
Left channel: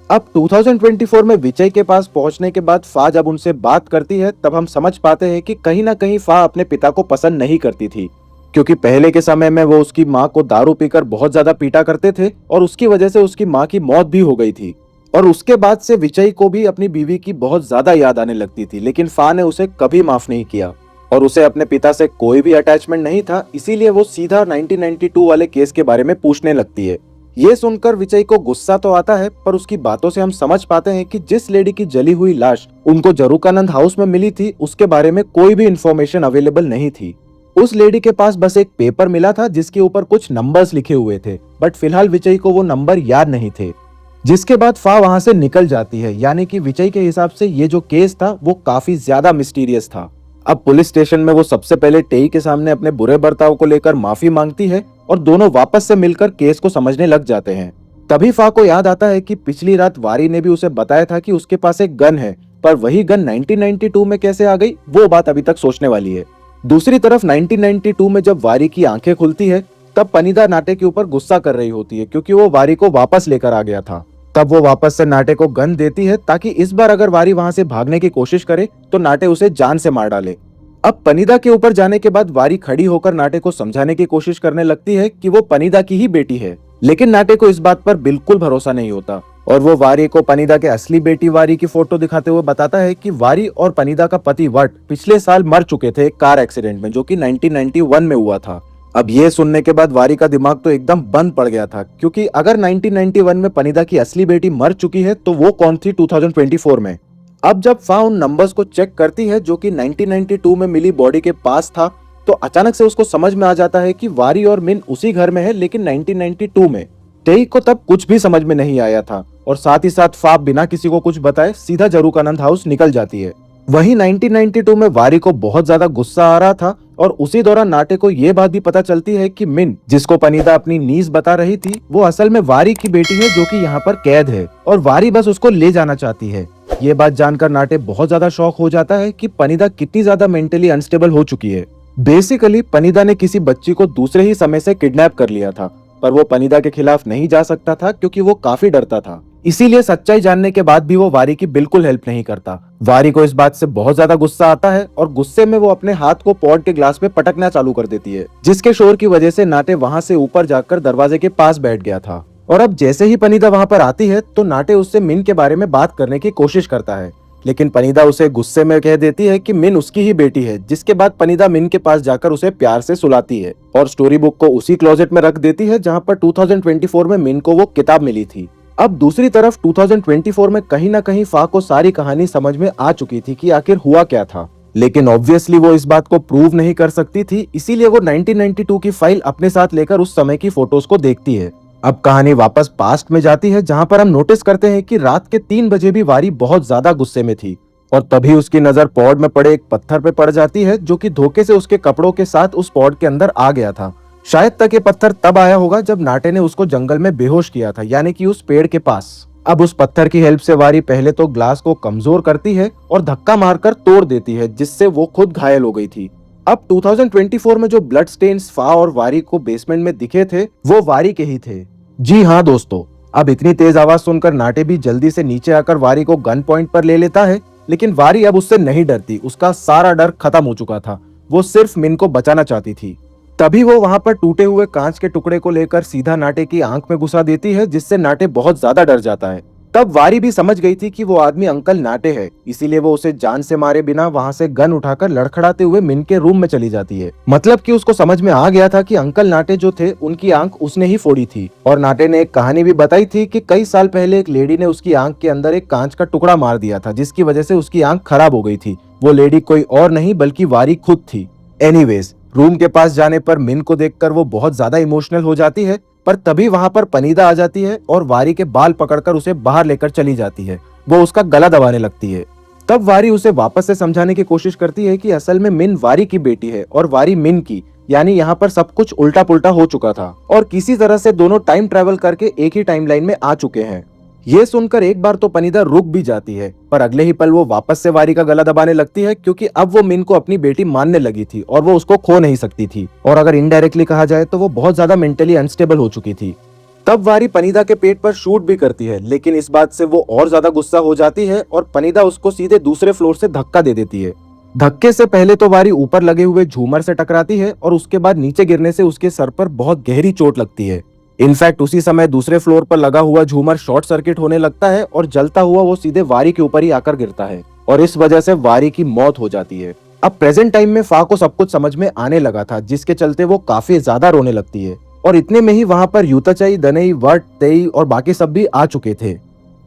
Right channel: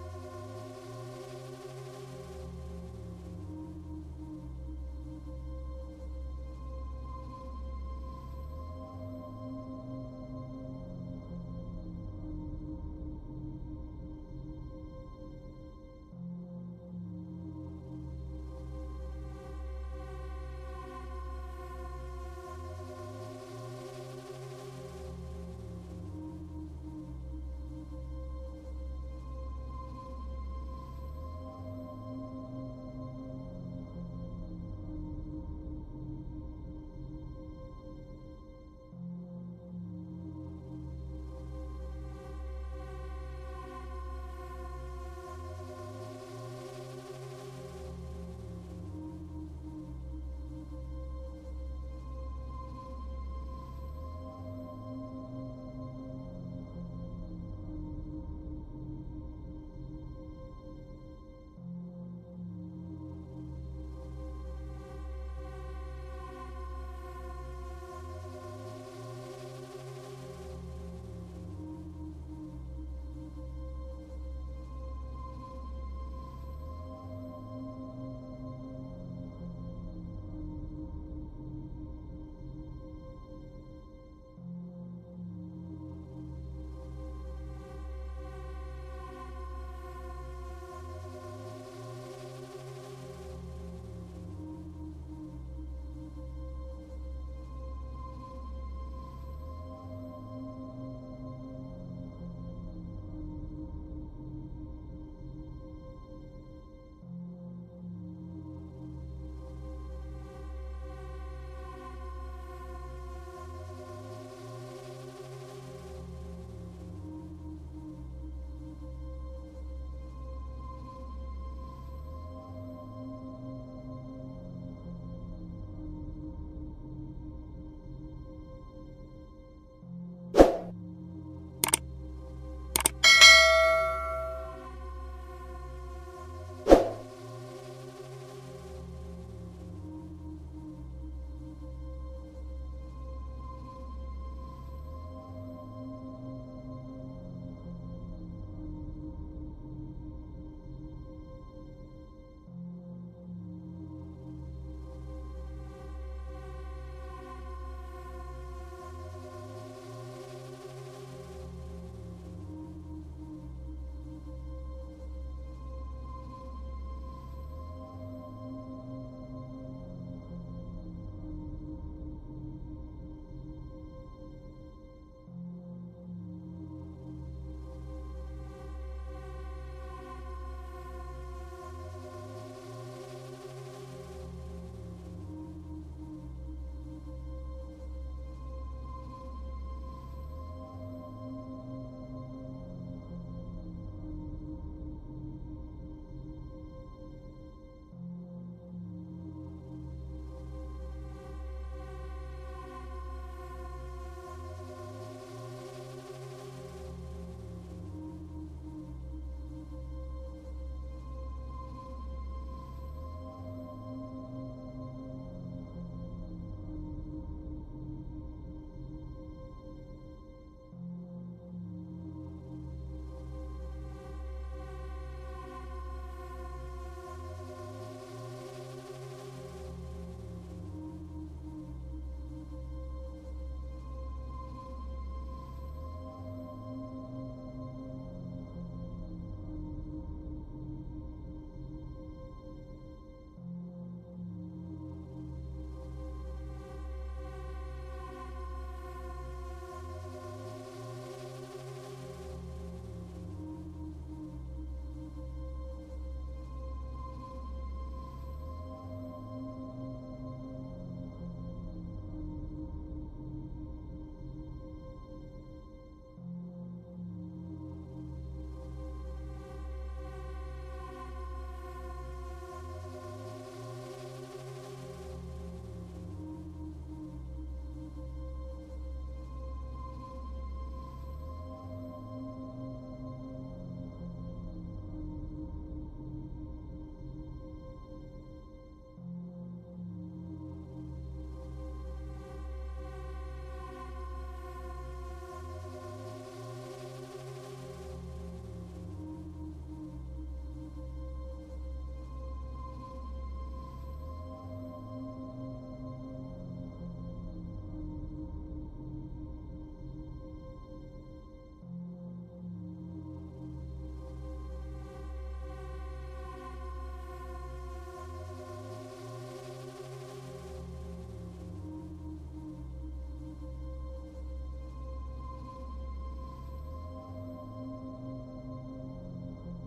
अब 2024 में विजय के पास पहुंचने के बाद फा जब उनसे बात करती है, तब हम समझ पाते हैं कि कहीं ना कहीं फा अपने पिता को पसंद नहीं करती थी, क्योंकि पहले के समय में वो उसकी माँ को दारू पीकर बहुत ज्यादा पीटा करते थे और उसकी वजह से उसकी माँ की मौत भी हो गई थी। और उसके बाद से विजय को भी अपनी बीवी की बहुत ज्यादा याद आने लगती थी, लेकिन फा ने उसे कभी माफ नहीं किया और उसे अपने पिता से कोई भी अटैचमेंट नहीं था, इसीलिए वो सीधा 1992 वाले केस के बारे में पूछने लगती है। ये सुनकर विजय को गुस्सा तो आता है, पर उसकी बातों से हम समझ पाते हैं कि जिस लेडी की जली हुई लाश उनको जरूकानंद हाउस में मिली थी, उसके बारे में कोई भी इंफॉर्मेशन अवेलेबल नहीं थी। उस लेडी के पास बस एक पेपर मिला था जिसके ऊपर कुछ नंबर्स लिखे हुए थे, बट फिलहाल विजय को वो नंबर याद नहीं थे। जिसके बाद फा वहां से निकल जाती है, यानी कि विजय के हिसाब से ये जो केस था वो काफी ज्यादा मिस्टीरियस था। अब पुलिस स्टेशन में वो सबसे पहले टेई के सामने अपने बुरे बर्ताव को लेकर माफी मांगती है और दोनों वापस से मिलकर केस को समझने लग जाते हैं। तभी फा को याद आता है कि पिछली रात वारी ने भी उसे बताया था कि उसके पास एक गन है, पर वही गन 1992 में कैसे आ गई, वो बात अभी तक सोचने वाली है। दूसरी तरफ 1992 में जब वारी की आंखें खुलती है, तब पनीदा नाटे के ऊपर गुस्सा कर रही होती है, क्योंकि वो वारी को वापस लेकर आ गया था। तब वो वापस से नाटे को गन देती है ताकि इस बार अगर वारी वहां से भागने की कोशिश करे तो नाटे उसे जान से मार डाले। अब पनीदा के ऊपर जाने के बाद वारी खड़ी होकर नाटे को समझाने की कोशिश करने लगती है कि वो पनीदा की ही बेटी है, लेकिन नाटे को इस बात पर बिल्कुल भरोसा नहीं होता और वो वारी को पनीदा के असली बेटी वारी की फोटो दिखाते हुए बताता है कि वारी और पनीदा का पति वट पिछले साल मर चुके थे एक कार एक्सीडेंट में, जो कि 1991 में हुआ था। अब ये सुनने के बाद वारी का दिमाग तो एकदम बंद पड़ गया था, क्योंकि अगर 1991 में पनीदा की असली बेटी मर चुकी है तो वो कौन थी 2024 में। अब जब फा उन नंबर्स को चेक करती है जो कि 1992 में मिली बॉडी के पास था, तो अचानक से उसको समझ में आ जाता है कि वारी और मिन उसी घर में है, लेकिन 1992 में। टेई को तब कुछ भी समझ में नहीं आया था और साथ ही साथ फा बिना किसी को कुछ बताए सीधा जरूकानंद हाउस निकल जाती है। वहीं 1992 में वारी को बहुत ज्यादा गुस्सा आ रहा था और उसी दौरान नाटे को ये बात भी पता चलती है कि मिन, जिसको पनीदा अपनी नीज बता रही थी, वो असल में वारी की बेटी है जो कि यहाँ पर कैद है और वारी बस उसको ले जाना चाहती है। ये बात जानकर नाटे बहुत ज्यादा शॉक हो जाता है कि पनीदा कितनी ज्यादा मेंटली अनस्टेबल हो चुकी है। बेसिकली पनीदा ने किसी बच्ची को दूसरे ही समय से किडनैप कर लिया था, पर वो पनीदा के खिलाफ नहीं जा सकता था क्योंकि वो काफी डरता था। इसीलिए सच्चाई जानने के बाद भी वो वारी की बिल्कुल हेल्प नहीं करता। वारी को इस बात से बहुत ज्यादा गुस्सा आता है और गुस्से में वो अपने हाथ को पॉड के ग्लास पे पटकना चालू कर देती है, जिसके शोर की वजह से नाटे वहां से ऊपर जाकर दरवाजे के पास बैठ गया था। और अब जैसे ही पनीदा वहां पर आती है तो नाटे उससे मिन के बारे में बात करने की कोशिश करता है, लेकिन पनीदा उसे गुस्से में कह देती है कि मिन उसकी ही बेटी है, जिसके बाद पनीदा मिन के पास जाकर उसे प्यार से सुलाती है और स्टोरी बुक को उसी क्लोजेट में रख देती है जहाँ पर 2024 में मिन को वो किताब मिली थी। अब दूसरी तरफ 2024 में कहीं ना कहीं फा को सारी कहानी समझ में आ चुकी थी कि आखिर हुआ क्या था, लेकिन ऑब्वियसली वो इस बात को प्रूव नहीं कर सकती थी, इसीलिए वो 1992 की फाइल अपने साथ लेकर उस समय की फोटोज को देखती है। अब कहानी वापस पास्ट में जाती है जहां पर हम नोटिस करते हैं कि रात के 3 बजे भी वारी बहुत ज्यादा गुस्से में थी और तभी उसकी नजर पॉड में पड़े एक पत्थर पे पड़ जाती है जो कि धोखे से उसके कपड़ों के साथ उस पॉड के अंदर आ गया था। शायद तक ये पत्थर तब आया होगा जब नाटे ने उसको जंगल में बेहोश किया था, यानी कि उस पेड़ के पास। अब उस पत्थर की हेल्प से वारी पहले तो ग्लास को कमजोर करती है और धक्का मारकर तोड़ देती है, जिससे वो खुद घायल हो गई थी। अब 2024 में जो ब्लड स्टेन्स फा और वारी को बेसमेंट में दिखे थे वो वारी के ही थे। जी हाँ दोस्तों, अब इतनी तेज आवाज सुनकर नाटे भी जल्दी से नीचे आकर वारी को गन पॉइंट पर ले लेता है, लेकिन वारी अब उससे नहीं डरती। उसका सारा डर खत्म हो चुका था, वो सिर्फ मिन को बचाना चाहती थी। तभी वो वहां पर टूटे हुए कांच के टुकड़े को लेकर सीधा नाटे की आंख में घुसा देती है, जिससे नाटे बहुत ज्यादा डर जाता है। तब वारी भी समझ गई थी कि वो आदमी अंकल नाटे है, इसीलिए वो उसे जान से मारे बिना वहां से गन उठाकर लड़खड़ाते हुए मिन के रूम में चली जाती है। मतलब कि उसको समझ में आ गया था कि अंकल नाटे जो थे उनकी आंख उसने ही फोड़ी थी। और नाटे ने एक कहानी भी बताई थी कि कई साल पहले एक लेडी ने उसकी आंख के अंदर एक कांच का टुकड़ा मार दिया था, जिसकी वजह से उसकी आंख खराब हो गई थी। वो लेडी कोई और नहीं बल्कि वारी खुद थी। एनीवेज, रूम के पास जाने पर मिन को देखकर वो बहुत ज्यादा इमोशनल हो जाती है, पर तभी वहां पर पनीदा आ जाती है और वारी के बाल पकड़कर उसे बाहर लेकर चली जाती है। वो उसका गला दबाने लगती है। तब वारी उसे वापस से समझाने की कोशिश करती है कि असल में मिन वारी की बेटी है और वारी मिन की, यानी यहाँ पर सब कुछ उल्टा पुल्टा हो चुका था और किसी तरह से दोनों टाइम ट्रेवल करके एक ही टाइमलाइन में आ चुके हैं। ये सुनकर एक बार तो पनीदा रुक भी जाती है, पर अगले ही पल वो वापस से वारी का गला दबाने लगती है, क्योंकि अब वो मिन को अपनी बेटी मानने लगी थी और वो उसको खो नहीं सकती थी। और अगर इनडायरेक्टली कहा जाए तो वो बहुत ज्यादा मेंटली अनस्टेबल हो चुकी थी। तब वारी पनीदा के पेट पर शूट भी करती है, लेकिन इस बात से वो और ज्यादा गुस्सा हो जाती है और पनीदा उसको सीधे दूसरे फ्लोर से धक्का दे देती है। धक्के से पहले तो वारी ऊपर लगे हुए झूमर से टकराती है और उसके बाद नीचे गिरने से उसके सर पर बहुत गहरी चोट लगती है। इनफैक्ट उसी समय दूसरे फ्लोर पर लगा हुआ झूमर शॉर्ट सर्किट होने लगता है और जलता हुआ वो सीधे वारी के ऊपर ही आकर गिरता है और इस वजह से वारी की मौत हो जाती है। अब प्रेजेंट टाइम में फा को सब कुछ समझ में आने लगा था, जिसके चलते वो काफी ज्यादा रोने लगती है और इतने में ही वहां पर यूताचाई, दनई, वर्ट, तेई और बाकी सब भी आ चुके थे।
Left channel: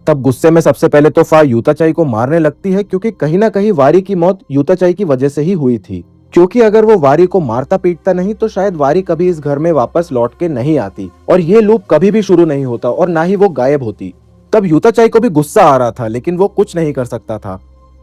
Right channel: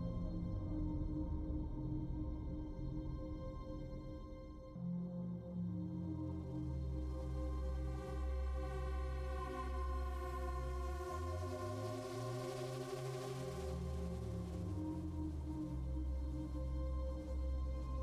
तब गुस्से में सबसे पहले तो फा यूताचाई को मारने लगती है, क्योंकि कहीं ना कहीं वारी की मौत यूताचाई की वजह से ही हुई थी। क्योंकि अगर वो वारी को मारता पीटता नहीं तो शायद वारी कभी इस घर में वापस लौट के नहीं आती और ये लूप कभी भी शुरू नहीं होता और ना ही वो गायब होती। तब यूताचाई को भी गुस्सा आ रहा था, लेकिन वो कुछ नहीं कर सकता था।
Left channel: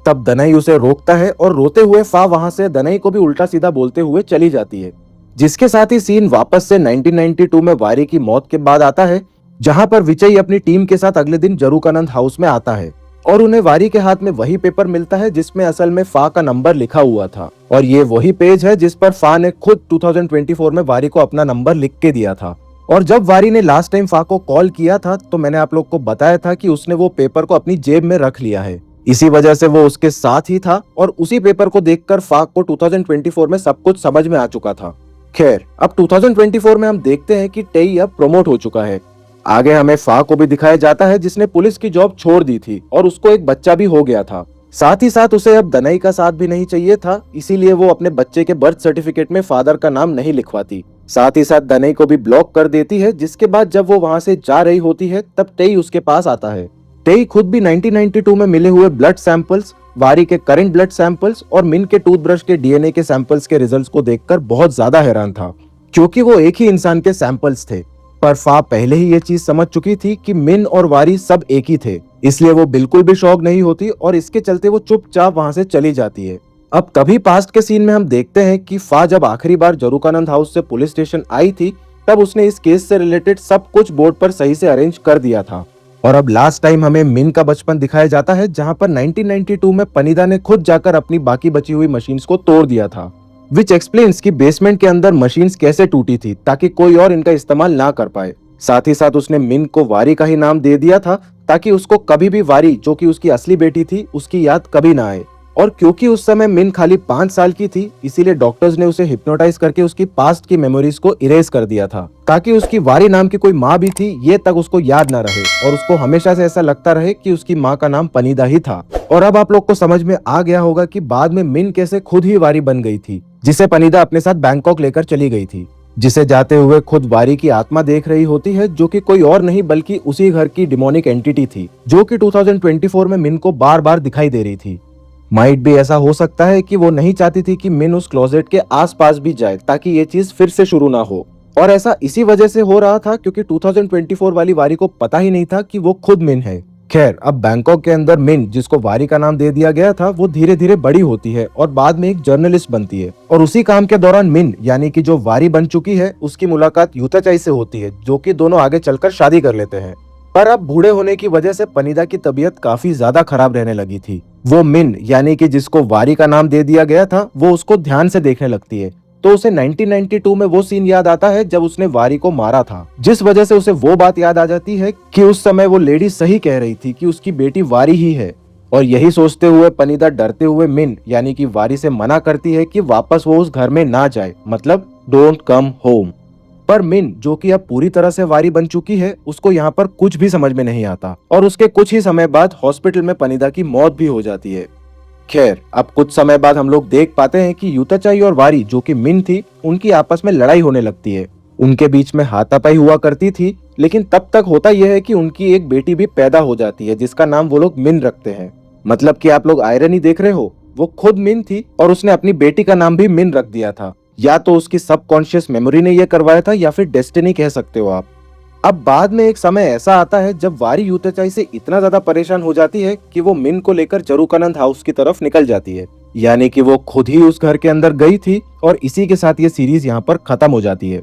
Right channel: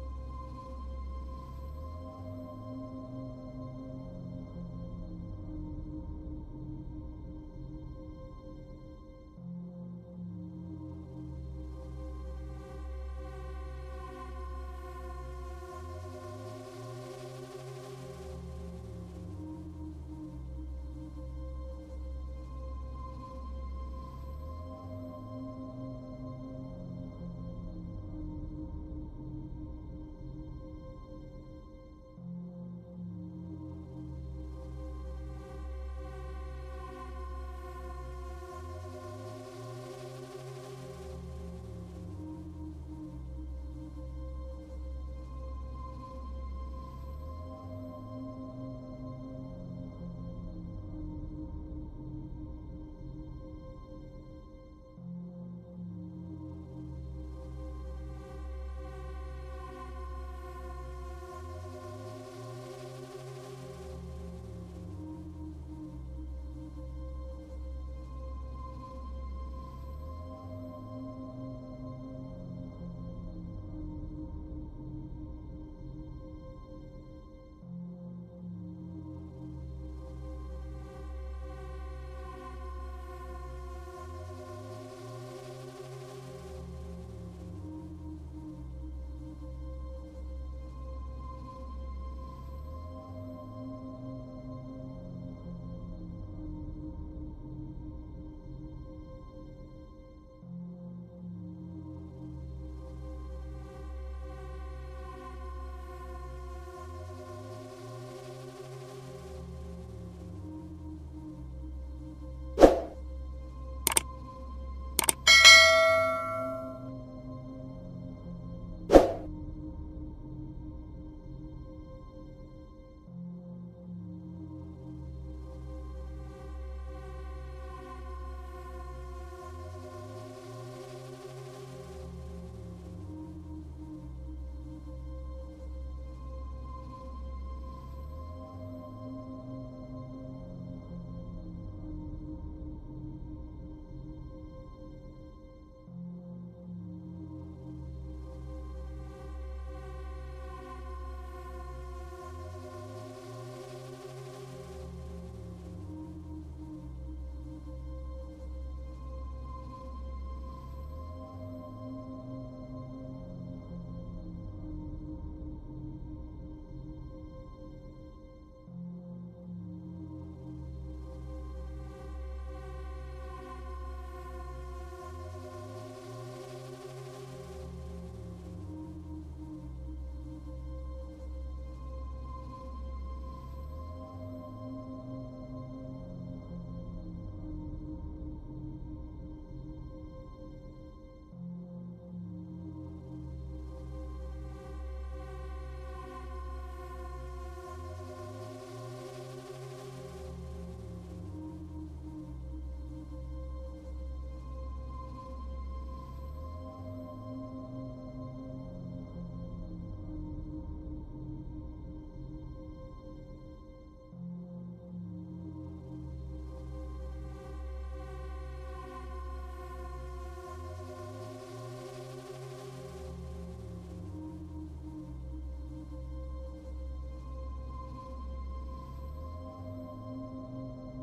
तब दनई उसे रोकता है और रोते हुए फा वहां से दनई को भी उल्टा सीधा बोलते हुए चली जाती है, जिसके साथ ही सीन वापस से 1992 में वारी की मौत के बाद आता है, जहां पर विजय अपनी टीम के साथ अगले दिन जरूकानंद हाउस में आता है और उन्हें वारी के हाथ में वही पेपर मिलता है जिसमें असल में फा का नंबर लिखा हुआ था। और ये वही पेज है जिस पर फा ने खुद 2024 में वारी को अपना नंबर लिख के दिया था। और जब वारी ने लास्ट टाइम फा को कॉल किया था तो मैंने आप लोग को बताया था कि उसने वो पेपर को अपनी जेब में रख लिया है, इसी वजह से वो उसके साथ ही था और उसी पेपर को देखकर फा को 2024 में सब कुछ समझ में आ चुका था। खैर, अब 2024 में हम देखते हैं कि टेई अब प्रमोट हो चुका है। आगे हमें फा को भी दिखाया जाता है जिसने पुलिस की जॉब छोड़ दी थी और उसको एक बच्चा भी हो गया था। साथ ही साथ उसे अब दनई का साथ भी नहीं चाहिए था, इसीलिए वो अपने बच्चे के बर्थ सर्टिफिकेट में फादर का नाम नहीं लिखवाती। साथ ही साथ दनई को भी ब्लॉक कर देती है, जिसके बाद जब वो वहां से जा रही होती है तब टेई उसके पास आता है। टेई खुद भी 1992 में मिले हुए ब्लड सैंपल्स, वारी के करंट ब्लड सैंपल्स और मिन के टूथब्रश के डीएनए के सैंपल्स के रिजल्ट्स को देखकर बहुत ज्यादा हैरान था, क्योंकि वो एक ही इंसान के सैंपल्स थे। पर फा पहले ही ये चीज समझ चुकी थी कि मिन और वारी सब एक ही थे, इसलिए वो बिल्कुल भी शॉक नहीं होती और इसके चलते वो चुपचाप वहां से चली जाती है। अब तभी पास्ट के सीन में हम देखते हैं कि फा जब आखिरी बार जरूकानंद हाउस से पुलिस स्टेशन आई थी तब उसने इस केस से रिलेटेड सब कुछ बोर्ड पर सही से अरेंज कर दिया था। और अब लास्ट टाइम हमें मिन का बचपन दिखाया जाता है, जहां पर 1992 में पनीदा ने खुद जाकर अपनी बाकी बची हुई मशीन्स को तोड़ दिया था, विच एक्सप्लेन्स कि बेसमेंट के अंदर मशीन्स कैसे टूटी थी ताकि कोई और इनका इस्तेमाल ना कर पाए। साथ ही साथ उसने मिन को वारी का ही नाम दे दिया था ताकि उसको कभी भी वारी, जो कि उसकी असली बेटी थी, उसकी याद कभी ना आए। और क्योंकि उस समय मिन खाली 5 साल की थी, इसीलिए डॉक्टर्स ने उसे हिप्नोटाइज करके उसकी पास्ट की मेमोरीज को इरेज कर दिया था, ताकि उसकी वारी नाम की कोई माँ भी थी ये तक उसको याद ना रहे और उसको हमेशा से ऐसा लगता रहे कि उसकी माँ का नाम पनीदा ही था। और अब आप लोग को समझ में आ गया होगा कि बाद में मिन कैसे खुद ही वारी बन गई थी, जिसे पनीदा अपने साथ बैंकॉक लेकर चली गई थी, जिसे जाते हुए खुद वारी की आत्मा देख रही होती है, जो कि कोई और नहीं बल्कि उसी घर की डिमोनिक एंटिटी थी, जो कि 2024 में मिन को बार बार दिखाई दे रही थी। माइट भी ऐसा हो सकता है कि वो नहीं चाहती थी कि मिन उस क्लोजेट के आसपास भी जाए, ताकि ये चीज फिर से शुरू ना हो। और ऐसा इसी वजह से हो रहा था क्योंकि 2024 वाली वारी को पता ही नहीं था कि वो खुद मिन है। खैर, अब बैंकॉक के अंदर मिन, जिसको वारी का नाम दे दिया गया था, वो धीरे धीरे बड़ी होती है और बाद में एक जर्नलिस्ट बनती है। और उसी काम के दौरान मिन, यानी कि जो वारी बन चुकी है, उसकी मुलाकात यूताचाई से होती है, जो कि दोनों आगे चलकर शादी कर लेते हैं। पर अब बूढ़े होने की वजह से पनीदा की तबीयत काफी ज्यादा खराब रहने लगी थी। वो मिन, यानी कि जिसको वारी का नाम दे दिया गया था, वो उसको ध्यान से देखने लगती है। तो उसे 1992 में वो सीन याद आता है जब उसने वारी को मारा था, जिस वजह से उसे वो बात याद आ जाती है कि उस समय वो लेडी सही कह रही थी कि उसकी बेटी वारी ही है। और यही सोचते हुए पनीदा डरते हुए मिन, यानी कि वारी से मना करती है कि वापस वो उस घर में ना जाए, मतलब डोंट कम होम। पर मिन, जो कि अब पूरी तरह से वारी बन चुकी है, उसको यहाँ पर कुछ भी समझ में नहीं आता और उसके कुछ ही समय बाद हॉस्पिटल में पनीदा की मौत भी हो जाती है। खैर, अब कुछ समय बाद हम लोग देख पाते हैं कि यूताचाई और वारी, जो कि मिन थी, उनकी आपस में लड़ाई होने लगती है। उनके बीच में हाथापाई हुआ करती थी, लेकिन तब तक होता यह है कि उनकी एक बेटी भी पैदा हो जाती है, जिसका नाम वो लोग मिन रखते हैं। मतलब कि आप लोग आयरनी देख रहे हो, वो खुद मिन थी और उसने अपनी बेटी का नाम भी मिन रख दिया था। या तो उसकी सबकॉन्शियस मेमोरी ने यह करवाया था, या फिर डेस्टिनी कह सकते हो आप। अब बाद में एक समय ऐसा आता है जब वारी यूताचाई से इतना ज्यादा परेशान हो जाती है कि वो मिन को लेकर जरूकानंद हाउस की तरफ निकल जाती है, यानी कि वो खुद ही उस घर के अंदर गई थी। और इसी के साथ ये सीरीज यहाँ पर खत्म हो जाती है।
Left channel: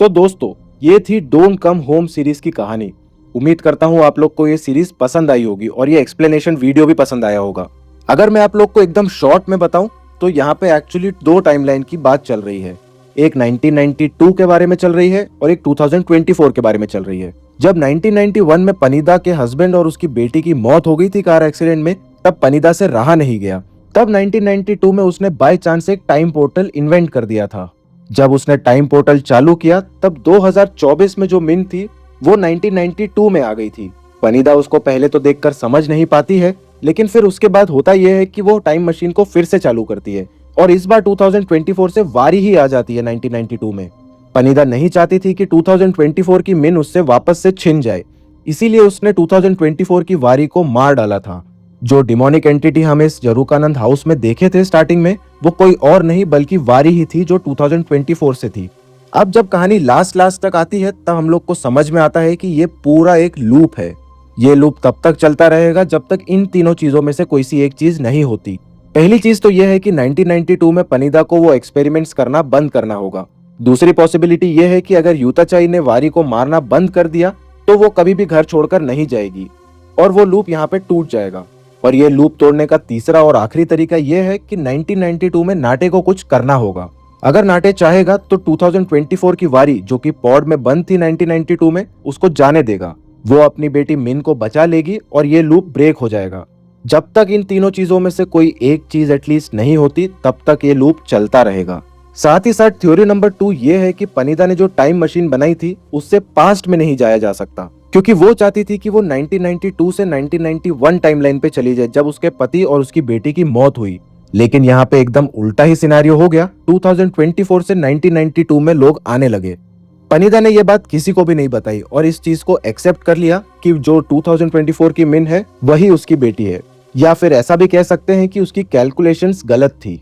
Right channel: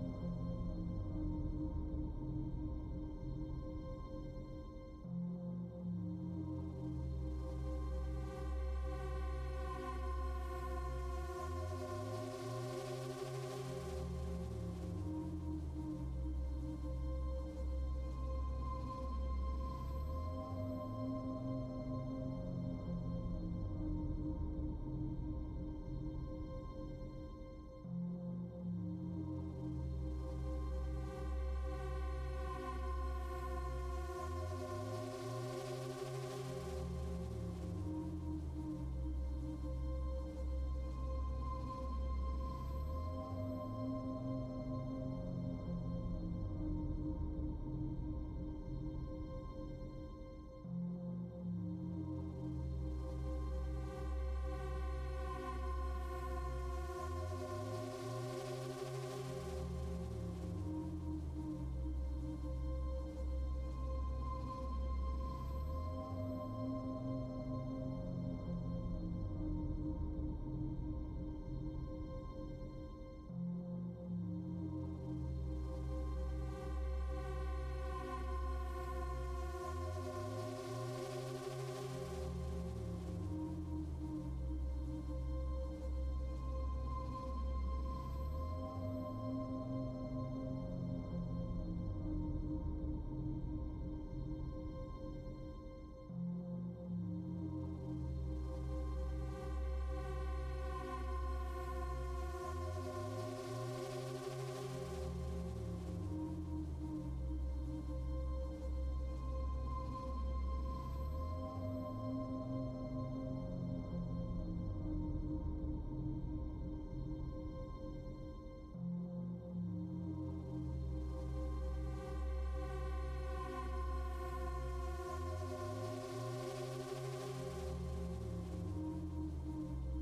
तो दोस्तों, ये थी डोंट कम होम सीरीज की कहानी। उम्मीद करता हूँ आप लोग को ये सीरीज पसंद आई होगी और ये एक्सप्लेनेशन वीडियो भी पसंद आया होगा। अगर मैं आप लोग को एकदम शॉर्ट में बताऊं तो यहाँ पे एक्चुअली 2 टाइमलाइन की बात चल रही है। एक 1992 के बारे में चल रही है और एक 2024 के बारे में चल रही है। जब 1991 में पनीदा के हस्बैंड और उसकी बेटी की मौत हो गई थी कार एक्सीडेंट में, तब पनीदा से रहा नहीं गया। तब 1992 में उसने बाय चांस एक टाइम पोर्टल इन्वेंट कर दिया था। जब उसने टाइम पोर्टल चालू किया, तब 2024 में जो मिन थी वो 1992 में आ गई थी। पनीदा उसको पहले तो देखकर समझ नहीं पाती है, लेकिन फिर उसके बाद होता यह है कि वो टाइम मशीन को फिर से चालू करती है और इस बार 2024 से वारी ही आ जाती है 1992 में। पनीदा नहीं चाहती थी कि 2024 की मिन उससे वापस से छिन जाए, इसीलिए उसने 2024 की वारी को मार डाला था। जो डिमोनिक एंटिटी हमें इस जरूकानंद हाउस में देखे थे स्टार्टिंग में, वो कोई और नहीं बल्कि वारी ही थी, जो 2024 से थी। अब जब कहानी लास्ट तक आती है, तब हम लोग को समझ में आता है कि ये पूरा एक लूप है। ये लूप तब तक चलता रहेगा जब तक इन तीनों चीजों में से कोई सी एक चीज नहीं होती। पहली चीज तो यह है कि 1992 में पनीदा को वो एक्सपेरिमेंट्स करना बंद करना होगा। दूसरी पॉसिबिलिटी यह है कि अगर यूताचाई ने वारी को मारना बंद कर दिया तो वो कभी भी घर छोड़कर नहीं जाएगी और वो लूप यहाँ पे टूट जाएगा। और ये लूप तोड़ने का तीसरा और आखिरी तरीका यह है कि 1992 में नाटे को कुछ करना होगा। अगर नाटे चाहेगा तो 2024 की वारी, जो कि पॉड में बंद थी 1992 में, उसको जाने देगा। वो अपनी बेटी मिन को बचा लेगी और ये लूप ब्रेक हो जाएगा। जब तक इन तीनों चीजों में से कोई एक चीज एटलीस्ट नहीं होती, तब तक ये लूप चलता रहेगा। साथ ही साथ थ्योरी नंबर 2 ये है कि पनीदा ने जो टाइम मशीन बनाई थी, उससे पास्ट में नहीं जाया जा सकता, क्योंकि वो चाहती थी कि वो 1992 से 1991 टाइमलाइन पे चली जाए, जब उसके पति और उसकी बेटी की मौत हुई। लेकिन यहाँ पे एकदम उल्टा ही सिनेरियो हो गया। 2024 से 1992 में लोग आने लगे। पनीदा ने यह बात किसी को भी नहीं बताई और इस चीज को एक्सेप्ट कर लिया कि जो 2024 की मिन है वही उसकी बेटी है, या फिर ऐसा भी कह सकते हैं कि उसकी कैलकुलेशंस गलत थी।